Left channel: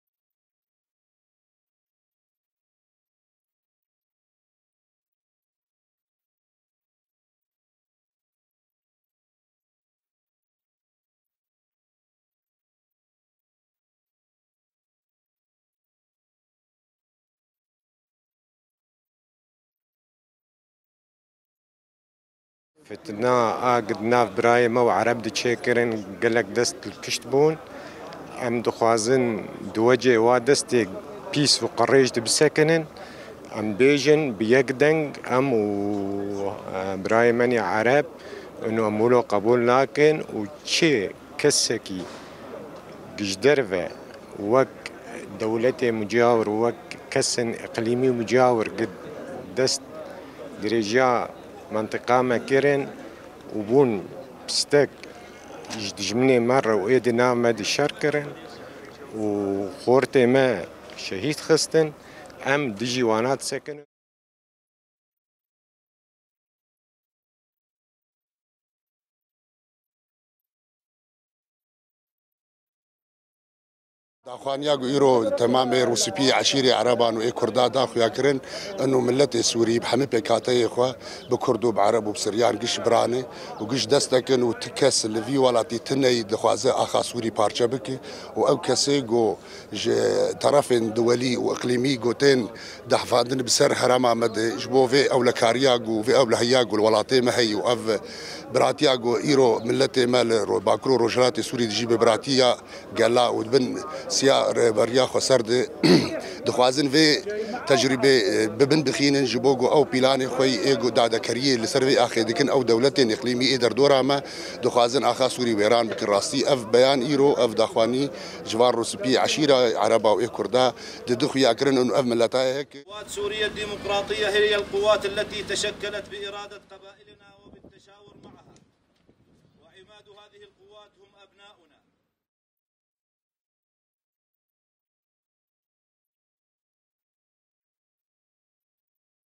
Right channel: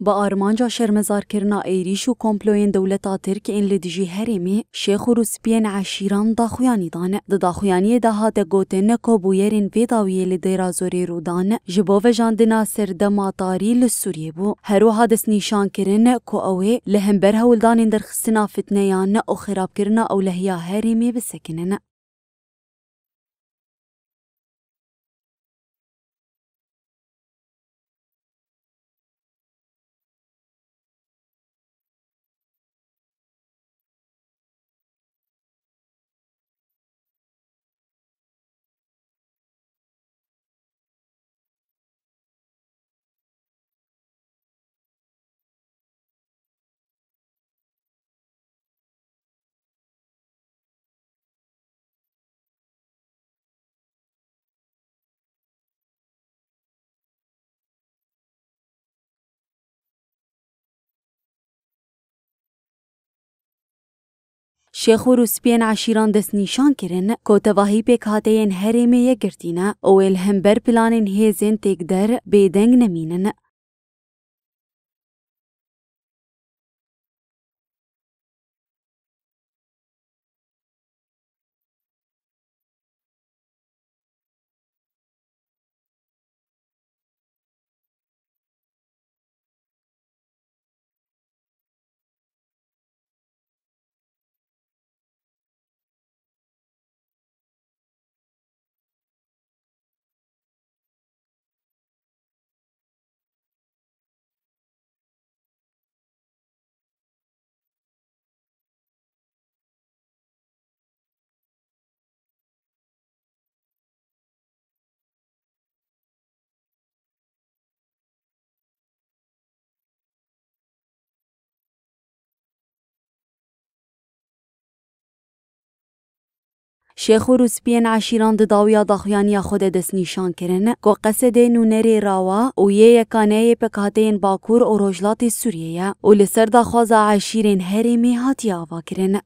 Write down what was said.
با آرمانجا شرمزارکرنا ایریش و کمپلوین دولتا ترک این لدیجی هرمی شیخ و روسپین عشیران داخویانی دان داخویانی دهات گوتن کبویرین ویداویه لدیرا زوری رودان جبو و جاندنا سردما طاری لسوریه بو هرو حادث نیشان کرن کو اوه لهمبر هولدان درخستنا فتنیان او خراب کرنا او لهیا هرمی بسکنن فتنا قدنا براي مو عرب دي تشيكرن قالك دست الكشت بون ام دخوازن دوجه وادستي بيس وقريج بسكنن ام بيجن بيقدنج ام و براي مني عرب انه امولو قبول لكن وشي كسكي قجدرفة وك دولتي مجاور وك كسن اقليمي مجاور قد دست درجة منطقة مكرن وبون بستك جمني مرة وإيدنا مد الشركرن وخورتي ما شهيد خستن أم دجيوانات سكن شیخ و روسپین عشیران دست نیشان کرن که تواهی پیک هاتین هرمی یگرتینا او الهمبر پلانین هیزن تک در بیدنگ نمینن. داخوانيا يرو تمام روسيبي عشيري عربان و كردا داخو ياكرن انه ملتي سوري بحمي بكاتي اخوا بكردو بعرب وبسريان قش براني وقش دستكن وتكس الفي ولاتي تني دخوازه اخا سوري بارچه بكي او كسي جو طرفين دولي واقليمي جوتين دحفاندن بسر حرما مد جبوفي او لكاريا جو في او لهيا جو الولاتي ما هي واف براتيا جو ايرو ملتي مال باكرو روجراتي سوري تجيب براتيا قال ودبن سيا بريا خسرد دخوازن في تجربه ببن بخين جبوجو او بيلاني خوي ايجو دادا كريه لسرفي اخي دكن او دولتين اقليمي ادر دورا ما دخوازن اخا سوري ويران بكراستي اف بيان ايرو اف داخواني جوار روسبي عشيره عربه و كردا دخو ياكرن انه اف ملتا هيك قوات سوريا الديمقراطيه هي القوات التي تشكلت باراده قبائل شیخ و روسپین عشیران داویا داخویانی خود دست نیشان کرن که قصد نونری راوا و یکانه پکاتین باکور و روجلات سوریه و لسر داخواز عشیرین هرمی هاتی آوا کرن.